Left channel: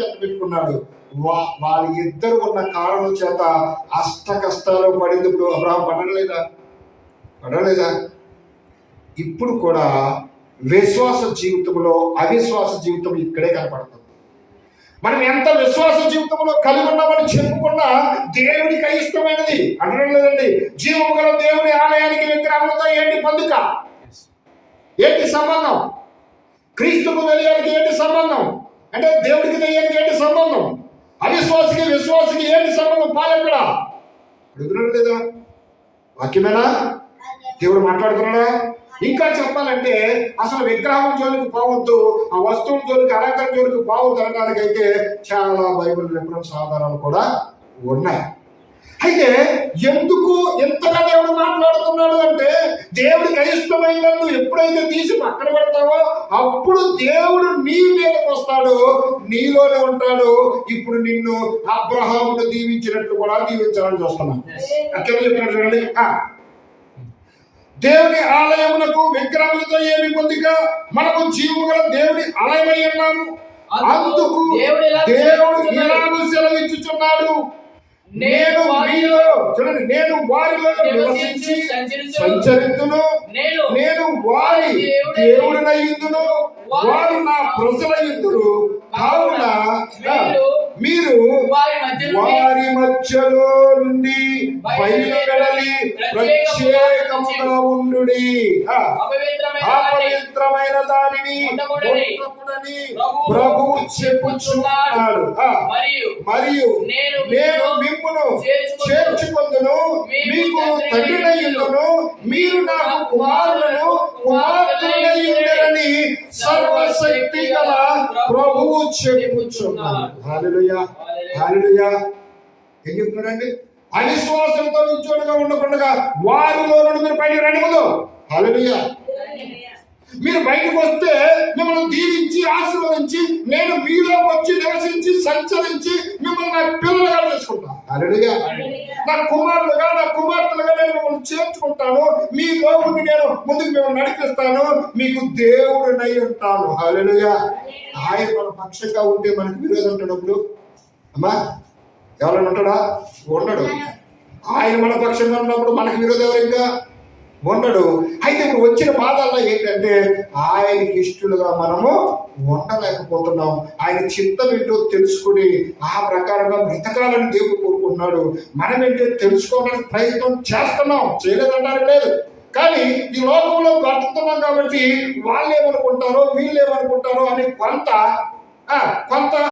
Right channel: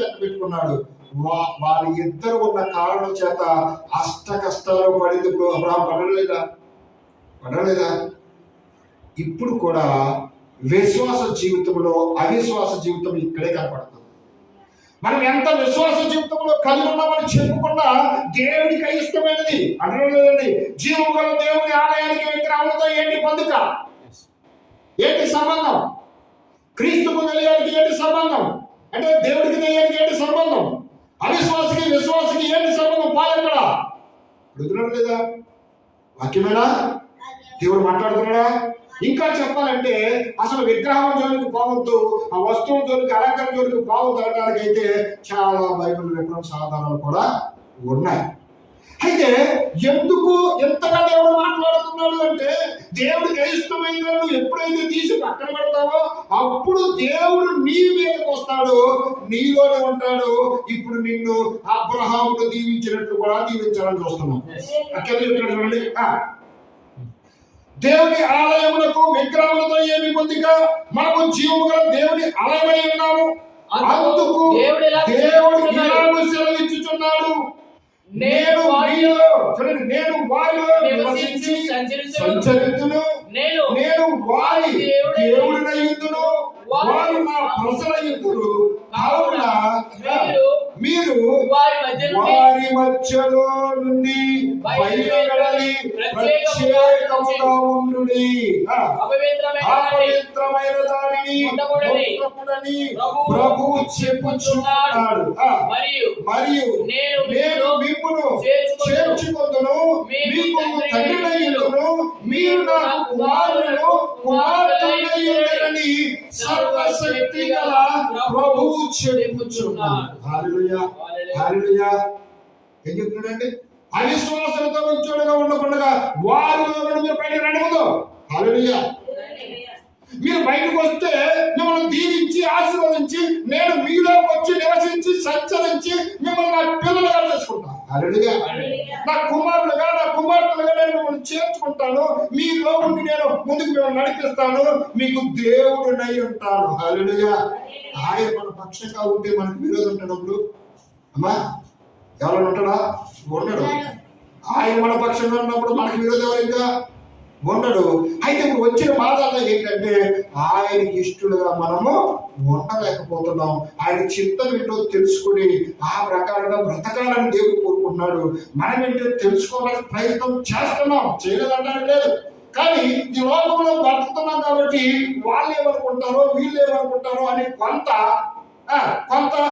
వెంట పెట్టుకున్నాడు. వాళ్ళ ఇద్దరు ఉన్న కారణం చేత అష్ట కష్టాలు పడింది. ఇప్పుడు అబ్రహాం పడలేదా? ఇప్పుడు కూడా విశ్వాస జీవితంలో అవిశ్వాస జీవితం ఇక్కడే కనపడుతుంది. మనం ఎంత విశ్వాస జీవితంలో కలిగి ఉన్నామని చెప్పుకున్నా దేవుడికి అయిష్టమైనది అనడం లేదండి. జీవము గల దేవుని ఆలయానికి విగ్రహంతో ఏంటి పొందుక, ఏంటి సంబంధం? క్రీస్తుకు తెలియానికి ఏంటి సంబంధం? అంటే దేవుడికి తెలియానికి ఏంటి సంబంధం? అవిశ్వాసకి విశ్వాసకి ఏంటి సంబంధం? పాలెక్కడ అడుగుతున్నాడు లేదా? వాక్యమేనా? దేవుడు మాట్లాడుతున్నాడా? ఇంకా చెప్పాలంటే అసలు విగ్రహం జోలికి పోవద్దు, ఆ వస్తువుల జోలికి, అలంకరణ జోలికి పోవద్దు అనడానికి అయితే చాలా బైబిల్ రెఫరెన్స్ ఆధారాలు కూడా ఉన్నాయి. అయితే ఎందుకు ఎంతగా దేవుడు మాట్లాడుతున్నాడు అంటే, దేవుడికి అయిష్టమైందని నువ్వు ఎప్పుడైతే తీసి పక్కన పెడతావో అప్పుడు దేవుడు నీ మీదకి వస్తాడు, నీలోనే ఉంటాడు. ఇప్పుడు నిన్ను అబ్రహామును దీవించినట్లు కూడా దీవించాలని చూస్తున్నాం. అక్కడ చెప్పినట్టు చూడండి, దేవుని ఆలయమునకు విగ్రహములతో ఏమి పొందిక, మనము జీవము గల దేవుని ఆలయమై ఉన్నాము. అందుకు దేవుడు సెలవిచ్చుచున్నాడు, నేను వారిలో నివసించి సంచరితును, నేను వారి దేవుడినయుందును, వారు నా ప్రజలయుందురు. కావున మీరు వారి మధ్యలో నుండి బయలువెళ్ళి ప్రత్యేకముగా ఉండుడి, అపవిత్రమైన దానిని ముట్టకుడని ప్రభువు చెప్పుచున్నాడు. మరియు నేను మిమ్మును చేర్చుకొందును, మీకు తండ్రినయ్యుందును, మీరు నా కుమారులను కుమార్తెలయ్యుందురని సర్వశక్తి గల ప్రభువు చెప్పుచున్నాడు. హల్లెలూయా, హల్లెలూయా. ఏం చెప్తున్నాడండి? అవిశ్వాసంతో విచ్చోడుగా ఉండకుండా వారిలో నుండి మీరు బయటకు రండి. ముందు హల్లెలూయా. మీరు బయటకు వస్తే మిమ్మల్ని దీవించి ఆశీర్వదించి నేను మీలో వచ్చి నివసించి సంచరించి మిమ్మల్ని నా పిల్లలుగా చేసుకుంటాను. హల్లెలూయా. నా కుమారులుగా, నా కుమార్తెలుగా నేను మిమ్మల్ని చేర్చుకుంటాను. మీలో ఉండి నేను ముందుకు మిమ్మల్ని నడిపిస్తాను. మీకు దేవుడినై ఉంటాను. హల్లెలూయా. ఆయన మన పక్షంగా ఉంటే మనకు విరోధం ఉంటాడు. అమ్మా, ఎవరైనా ఉంటాడా? ఉండడు. ఆయన మన పక్షంగా ఉన్నప్పుడు మనకు విరోధం ఎవరైనా ఉండడు. అయితే ఇప్పుడు వచ్చిన బాధల్లో ఏంటంటే ఆయనకి ఇష్టలుగా మనము ఉండలేకపోతున్నాం. ఆయన చిత్తం ఏంటో తెలుసుకుని ఆ ప్రకారంగా బ్రతకాలని దేవుడు కోరుకుంటున్నాడు. మనం ఏంటో తెలుసుకోవడానికి ప్రయత్నం చేస్తున్నాం, చేయలేదనడానికి లేదు. కానీ ఈ లోకంలో బ్రతుకుతున్నాం కాబట్టి వాళ్ళు ఏమనుకుంటారో వీళ్ళు ఏమనుకుంటారో అని కొంత